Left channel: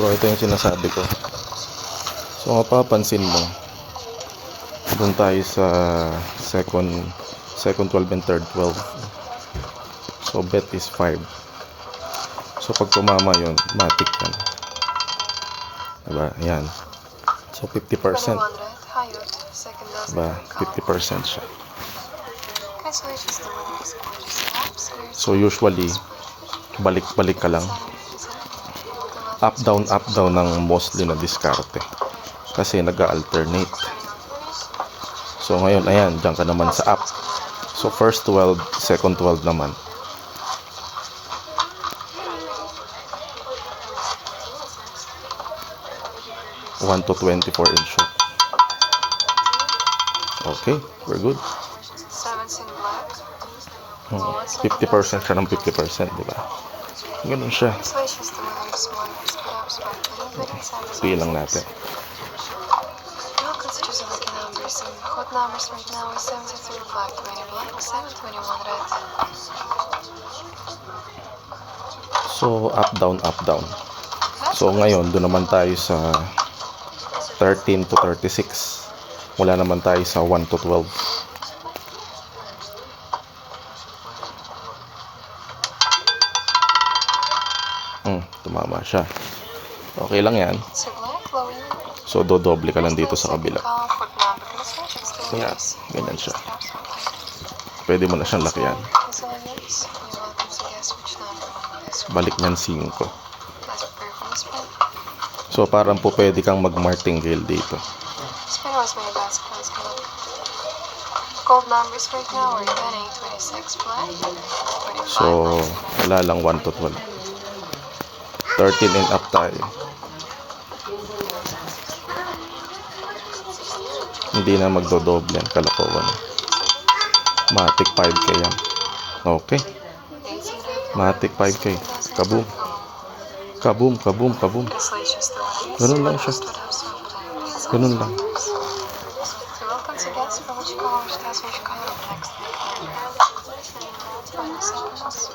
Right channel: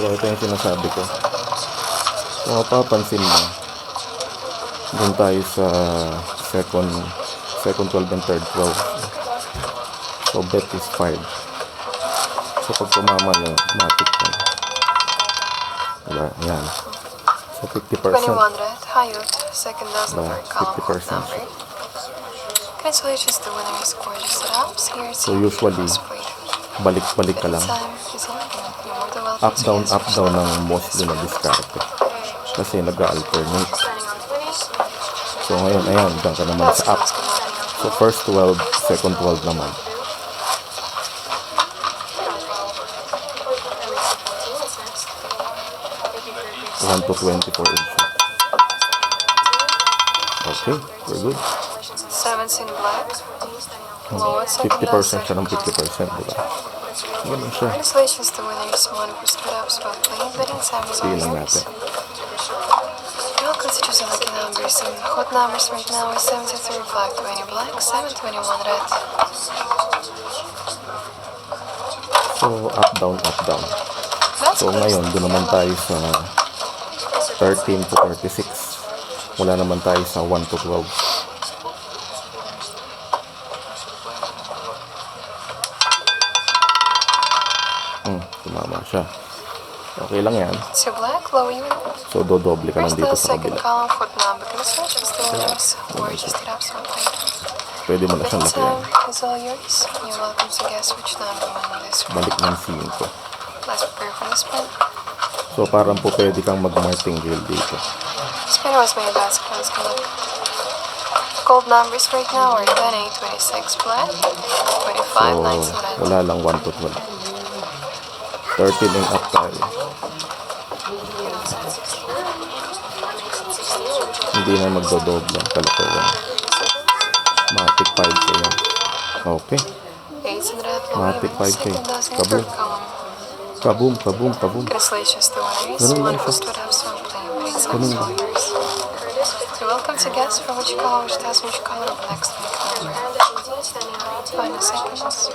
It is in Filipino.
Bro, ito yung sinasabi ko. So, mapapansin mo, doon tayo sa second 12 and third 12. So, bet is 5. So, pag tumama yun, matik yan. Diba? Ayan. So, 50%. Diba? 50% siya. So, usually, balik-balik ka lang. Up down ng mostly na diskarte. Kasi nag-alternate. So, ngayon, ayan, dyan ka naman sa up. So, first 12, second 12 naman. $1 to 24 in short. Okay, we're good. 50% siya ng 50%, diba? Ganun siya. Piin lang natin. Hot numbers right now is 73 black, 20 black, 721 red. So, up, down. So, ngayon, doon naman tayo sa 13 to 36. Wala naman tayo sa 1 to 12. Tumama siya. Okay lang yan. So, dodoble ka lang dito sa kabila. Kaya, ganyan siya. Pwede mo na siyang lakihan. Balik ng 5. So, parang po pwede kang mag-martingale dito. Gold numbers right now are 10, 8, 26 black, 25, So, wala lang 1 to 12. 13 and up tayo. Hindi na magdodoble yan, kalokohan. Matic 5K yan. Okay. Matic 5K. Kaboom. Kaboom, kaboom, kaboom. Ganun lang siya. Ganun lang. Welcome to guess for which color, which test, which color next. 20 seconds.